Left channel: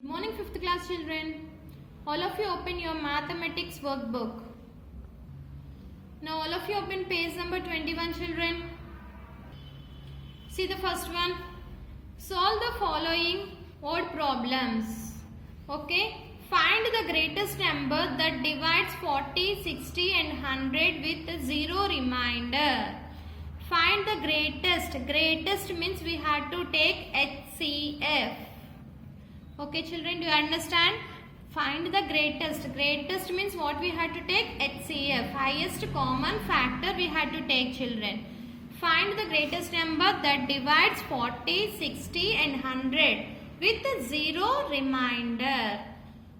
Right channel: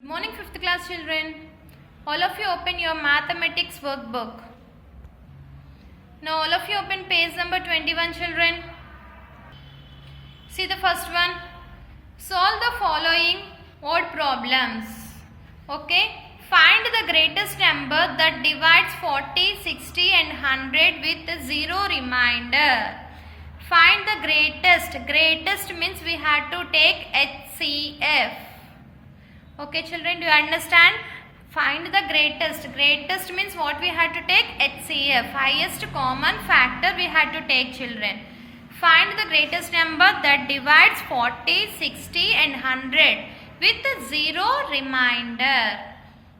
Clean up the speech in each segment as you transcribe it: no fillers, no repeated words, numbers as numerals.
Good morning, 5th class children. All of you open your mathematics workbook. Now all of you open page number 21, children. See the first one. Solve the following odd problems. Okay. Find the greatest number that divides 40, 60 and 100 with 0 remainder. Find the greatest. Greatest means we have to take HCF. Okay children, do you understand? Find the greatest. Greatest means what we had to take? HCF. Highest common factor we had to take, children. Find the greatest number that divides 40, 60 and 100 with 0 remainder.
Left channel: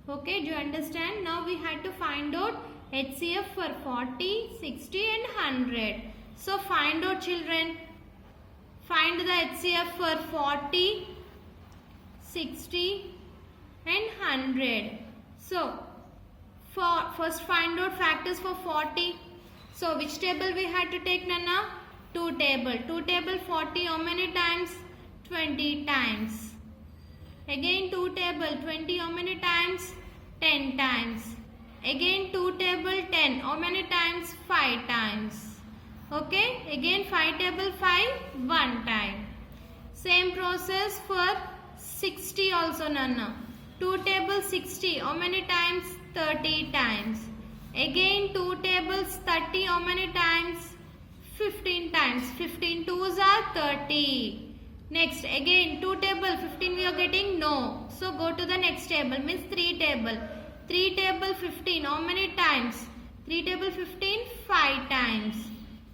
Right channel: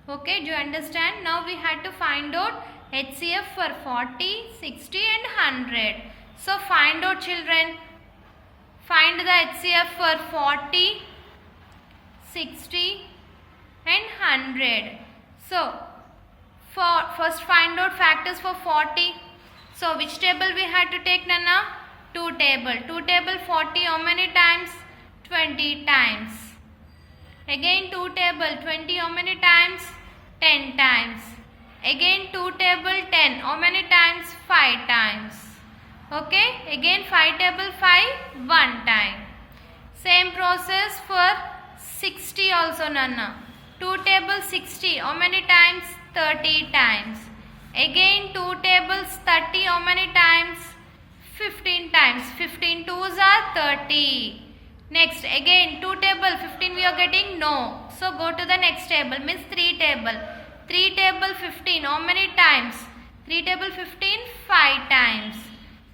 Okay, do you understand? Now we had to find out HCF for 40, 60 and 100. So find out, children. Find the HCF for 40, 60 and 100. So first find out factors for 40. So which table we had to take, Nana? 2 table. 2 table 40 how many times? 20 times. Again 2 table 20 how many times? 10 times. Again 2 table 10 how many times? 5 times. Okay. Again 5 table 5 1 time. Same process for 60 also, Nana. 2 table 60 how many times? 30 times. Again 2 tables 30 how many times? 15 times. 15 twos are 30. Next again 2 table 15 we are getting? No. So go to the next table, means 3 table. 3 table 15 how many times? 3 table 15 5 times.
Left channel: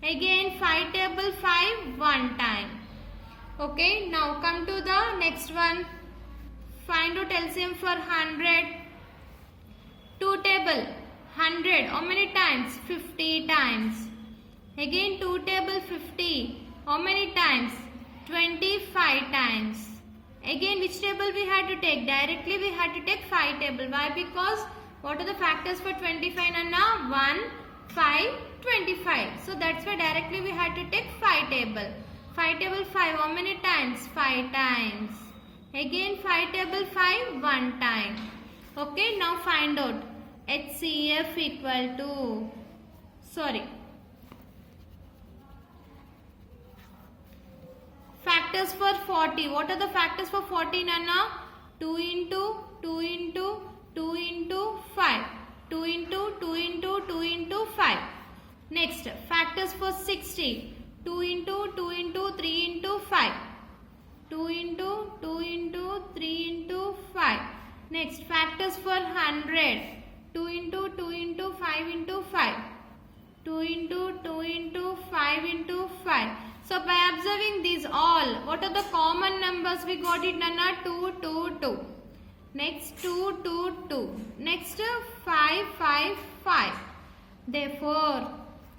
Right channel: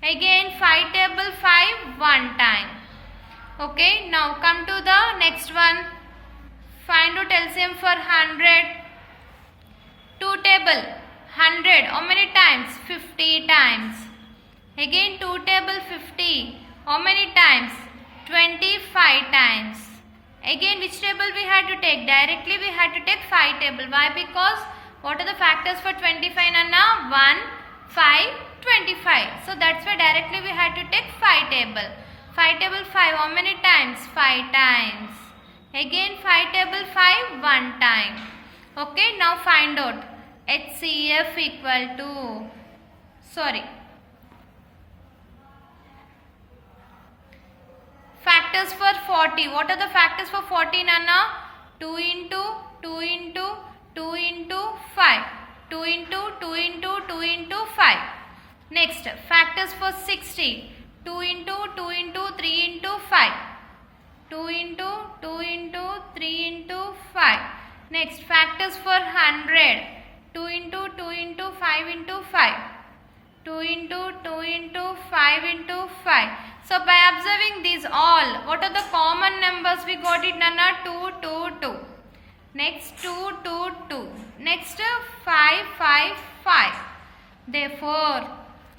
Again 5 table 5 1 time. Okay, now come to the next one. Find out LCM for 100. 2 table 100 how many times? 50 times. Again 2 table 50 how many times? 25 times. Again which table we had to take? Directly we had to take 5 table. Why? Because what are the factors for 25, Nana? 1, 5, 25. So that's why directly we had to take 5 table. 5 table 5 how many times? 5 times. Again 5 table 5 1 time. Okay, now find out HCF equal to, factors for 40. What are the factors for 40, Nana? 2 into 2 into 2 into 5. 2 into 2 into 2 into 5. Next, factors for 60. 2 into 2 into 3 into 5. 2 into 2 into 3 into 5. Next, factors for 100. 2 into 2 into 5 into 5. 2 into 2 into 5 into 5. So by observing these all, what are the common numbers we got it, Nana? 2, 2, 2. Next 2, 2, 2. Next 5, 5, 5. Therefore,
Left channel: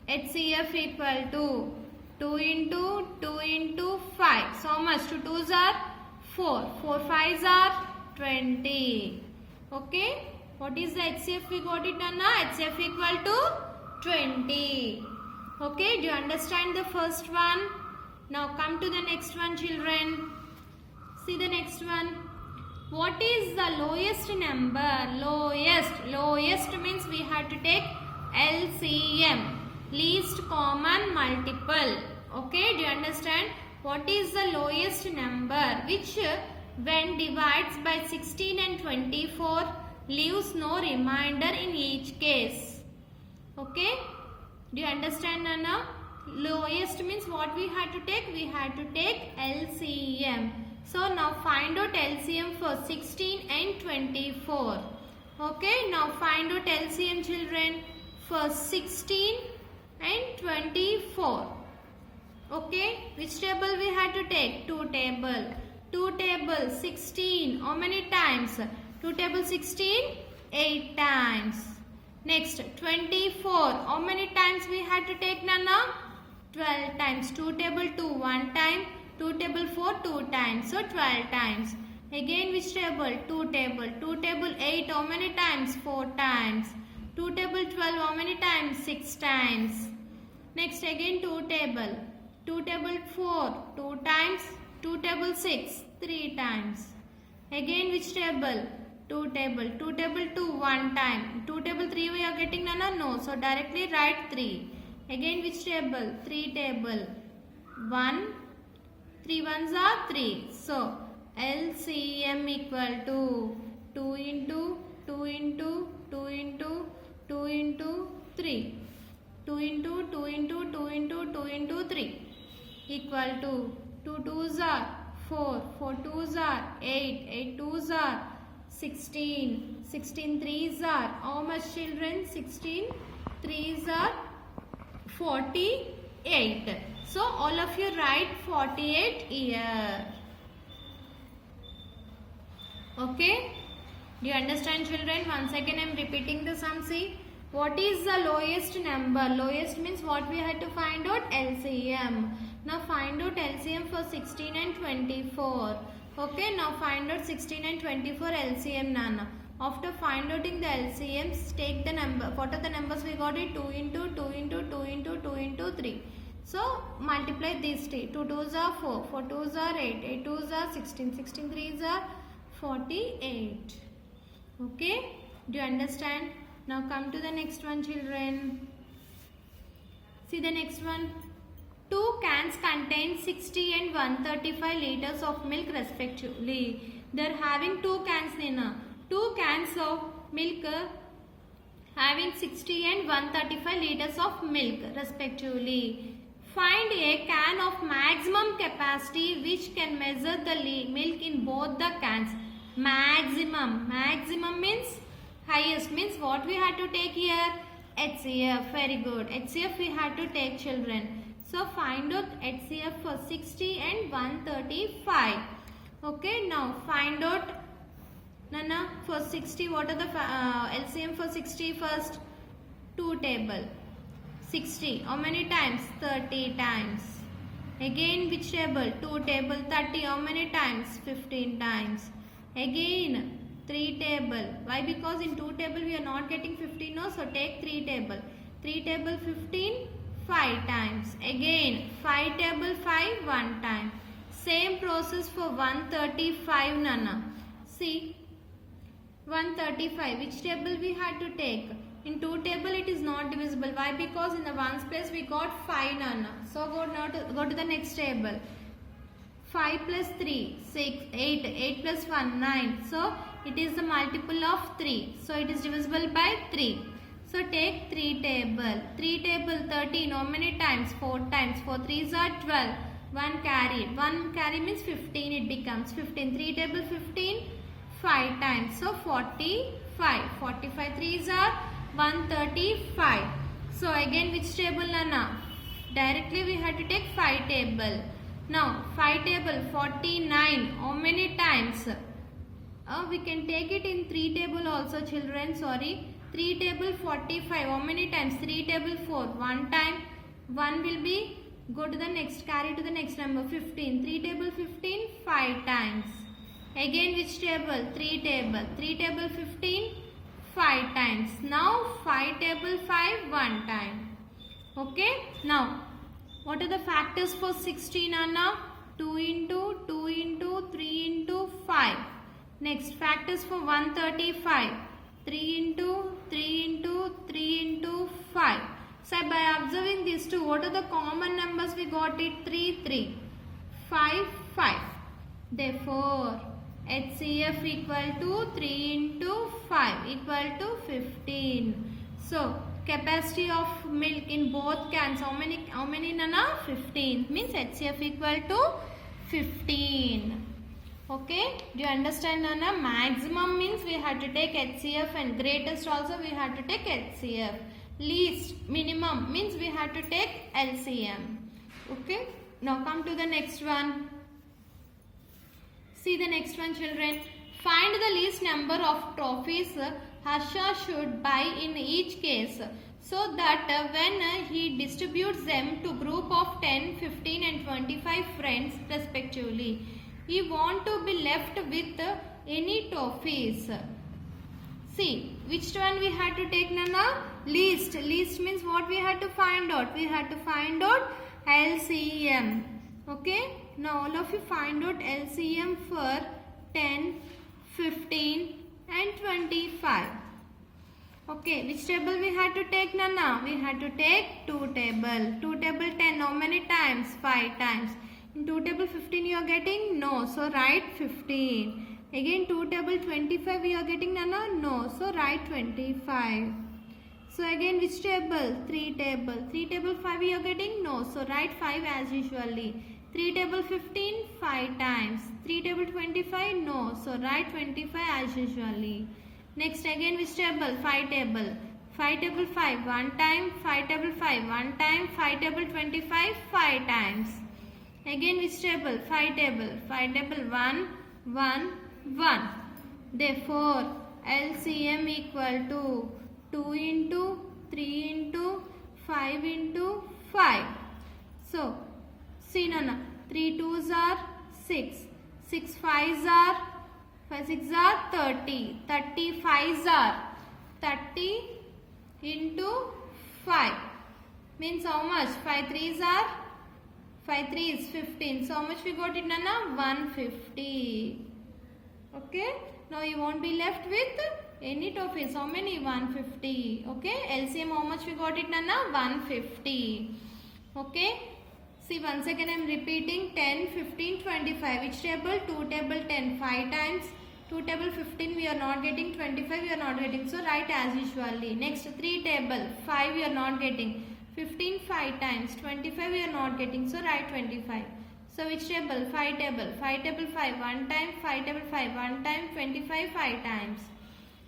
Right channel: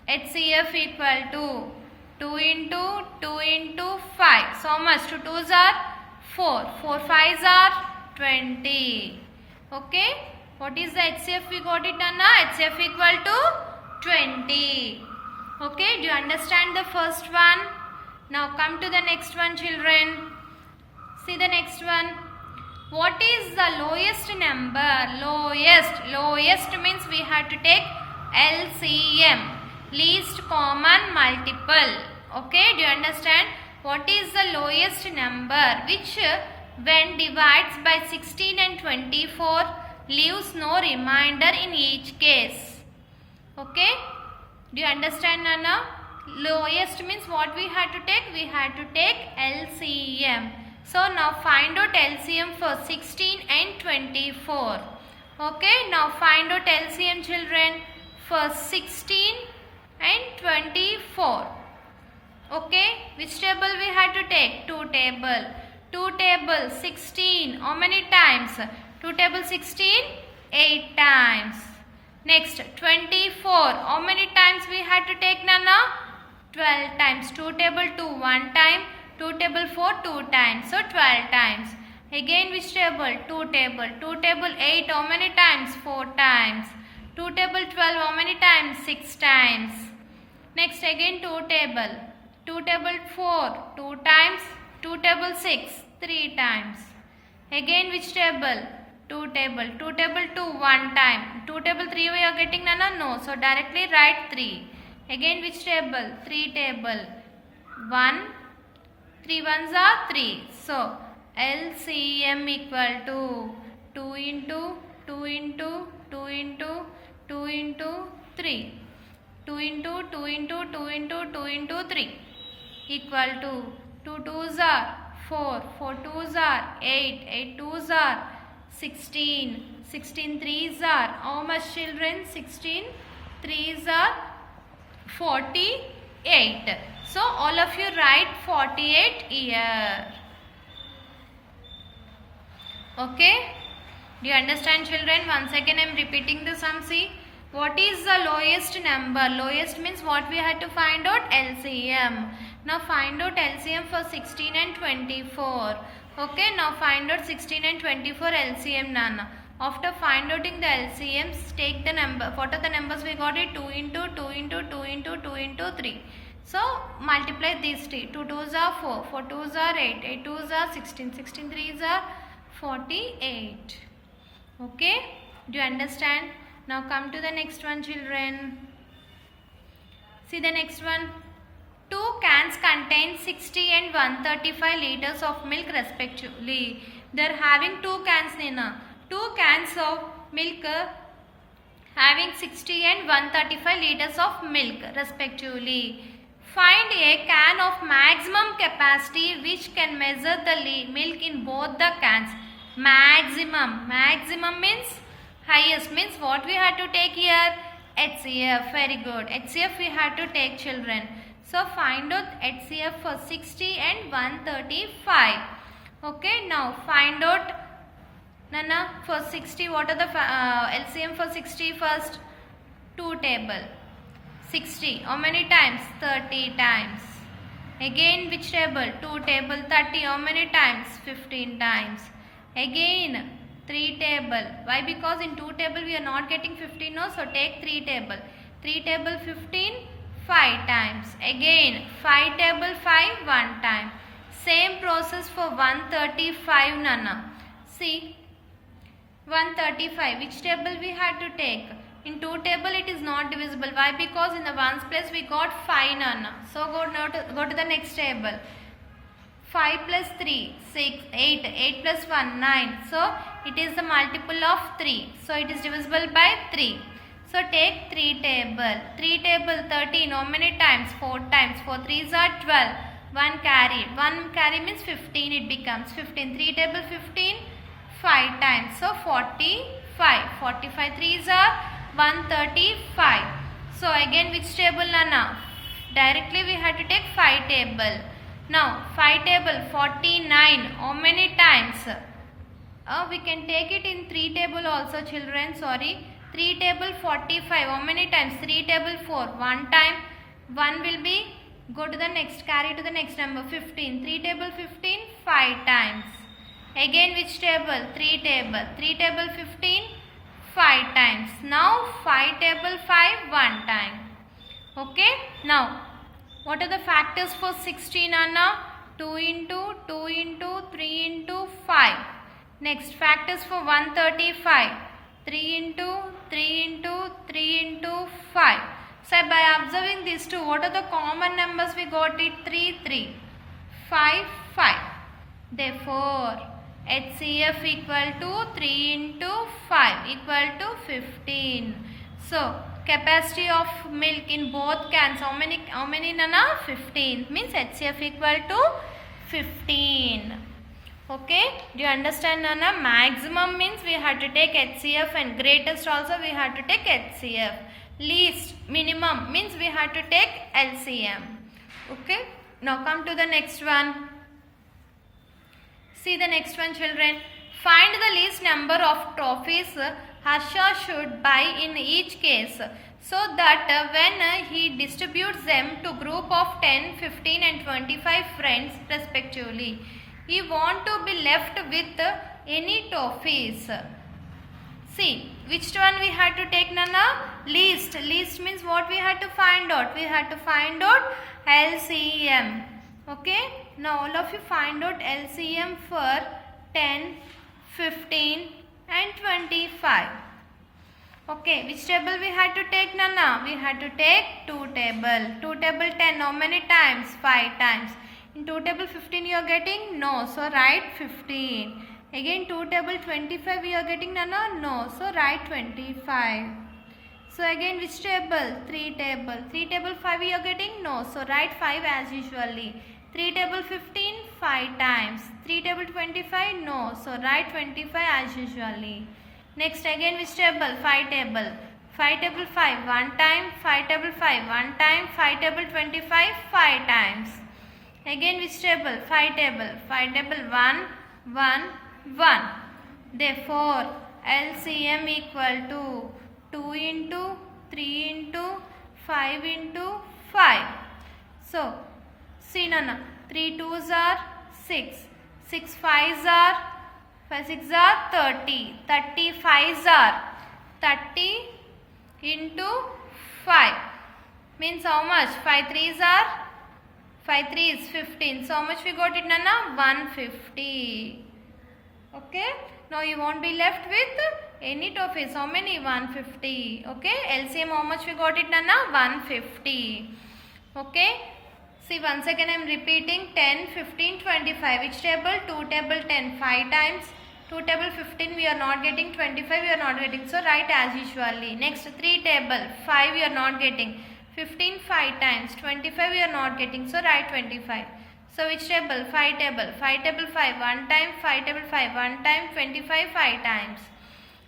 HCF equal to 2 into 2 into 5. So how much? 2 2s are 4. 4 5s are 20. Okay. What is the HCF we got it, Nana? HCF equal to 20. Okay. Do you understand the first one? Now come to the next one, children. See the next one. What is the lowest number? Lowest means we have to take LCM. Least common multiple. Okay, do you understand? What is the lowest number which when divides by 16 and 24 leaves no remainder in each case? Okay, do you understand, Nana? Lowest means what we had to take? We had to take LCM. So now find out LCM for 16 and 24. Okay, now find out LCM, children, for 16 and 24. Okay, which table we had to take? 2 table. 2 table 16 how many times? 2 table 16 8 times. Next 24 how many times we had to take, Nana? 12 times. 2 table 2 1 time. 2 table 4 2 times. So 12 times. Again which table? 2 table. 2 table 8 how many times? 4 times. 2 table 12 how many times? 6 times. Next again 2 table. 2 table 4 2 times. 2 table 6 3 times. Again which table? 2 table. 2 table 2 one time. 2 table 3 we are getting Nana? No. So directly write 3. Again which table? 3 table. 1. 3 ones are 3. So LCM equal to 2 into 2 into 2 into 2 into 3. 2 into 2 into 2 into 2 into 3 equal to 2 twos are 4, 4 twos are 8, 8 twos are 16, 16 threes are how much children? 16 threes are 48. So all of you write 48 here. Okay? Do you understand children? Once again I am repeating the sum. See, what is the lowest number? Lowest means what we had to find out? LCM. Now find out LCM for 16 and 24. Okay, now find out 16 and 24 LCM Nana. After find outing the LCMs, take the number. What are the numbers we got it? 2 into 2 into 2 into 2 into 3. So multiply these 3. 2 twos are 4, 4 twos are 8, 8 twos are 16, 16 threes are 48. Okay, do you understand? Now come to the next one children. See the next one. 2 cans contain 60 and 135 liters of milk respectively. They are having 2 cans Nina. 2 cans of milk having 60 and 135 liters of milk respectively. Find a can of maximum capacity which can measure the milk in both the cans. Maximum. Maximum means highest, means what we had to take here? HCF. Very good. HCF we had to take children. So find out HCF for 60 and 135. Okay, now find out Nana for 60. What are the LCM for 60 first? 2 table. 60. How many times? 30 times. Again which table? 2 table 30. How many times? 15 times. Again 3 table. Why? Because in 2 table we are not getting 15 no. So take 3 table. 3 table 15. 5 times. Again 5 table 5 1 time. Same process for 135 Nana. See 135. Which table we had to take? In 2 table it is not divisible. Why? Because in the ones place we got 5 Nana. So go to the next table. 5 plus 3 6 8. 8 plus 1 9. So it is the multiple of 3. So it is divisible by 3. So take 3 table. 3 table 13. How many times? 4 times. 4 3s are 12. 1 carry. 1 carry means 15 it becomes. 15. 3 table 15. 5 times. So 45. 45 3s are 135. So again which table Nana? Directly we had to take 5 table. Now 5 table 49. How many times? We can take it in 3 table also children. Sorry. 3 table 45. How many times? 3 table 4. 1 time. 1 will be. Go to the next. Carry to the next number. 15. 3 table 15. 5 times. Again which table? 3 table. 3 table 15. 5 times. Now 5 table 5. 1 time. Okay. Now what are the factors for 16 Anna? 2 into 2 into 3 into 5. Next factors for 135. 3 into 3 into 3 into 5. So by observing these two, what are the common numbers we got it? 3 3 5 5. Therefore HCF equal to 3 into 5 equal to 15. So capacity of milk in both cans, how many Nana? 15. Means HCF equal to 15. Okay, do you understand Nana? Maximum means we had to take HCF and greatest also we had to take HCF. Least, minimum means we had to take LCM. Okay, now come to the next one. See the next one children. Find the least number of trophies Harsha should buy in each case so that when he distributes them to group of 10, 15 and 25 friends respectively, he want to be left with any trophies. See, which one we had to take Nana? Least. Least means what we had to find out? We had to find out LCM. Okay. Now all of you find out LCM for 10, 15 and 25. Okay, which table we had to take, Nana? We had to take 2 table. 2 table 10, how many times? 5 times. In 2 table 15 you are getting? No, so write 15. Again 2 table 25 you are getting, Nana? No, so write 25. So again which table? 3 table. 3 table 5 you are getting? No, so write 5 as usually. 3 table 15, 5 times. 3 table 25, no, so write 25 as usually. Next again which table? 5 table. 5 table 5 1 time, 5 table 5 1 time, 5 table 25 5 times. Again which table? 5 table. 5 table 1 1 1. Therefore LCM equal to 2 into 3 into 5 into 5. So see, Nana, 3 2s are 6, 6 5s are 5 6 are 30, 30 5s are 30 into 5 means how much? 5 3s are 5 3 is 15. So how much we got it, Nana? 150. Okay. Now you won't be left with any toffees. How many? 150. Okay. LCM how much we got it, Nana? 150. Okay. See, once again I am repeating 10, 15, 25. Which table? 2 table 10 5 times. 2 table 15 we are not getting. 25 we are not getting. So write as usually. Next 3 table 5 we are not getting. 15 5 times. 25 we are not getting. So write 25. So which table? 5 table. 5 table 5 1 time. 5 table 5 1 time. 25 5 times.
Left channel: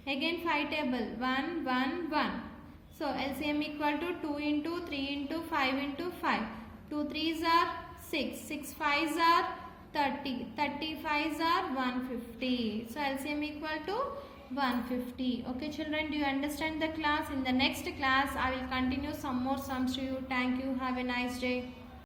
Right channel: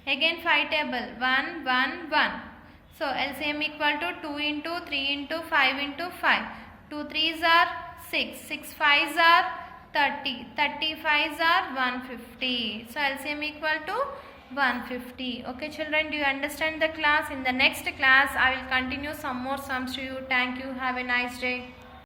Again 5 table 1 1 1. So LCM equal to 2 into 3 into 5 into 5. 2 3s are 6, 6 5s are 30, 30 5s are 150. So LCM equal to 150. Okay children, do you understand the class? In the next class I will continue some more sums to you. Thank you. Have a nice day.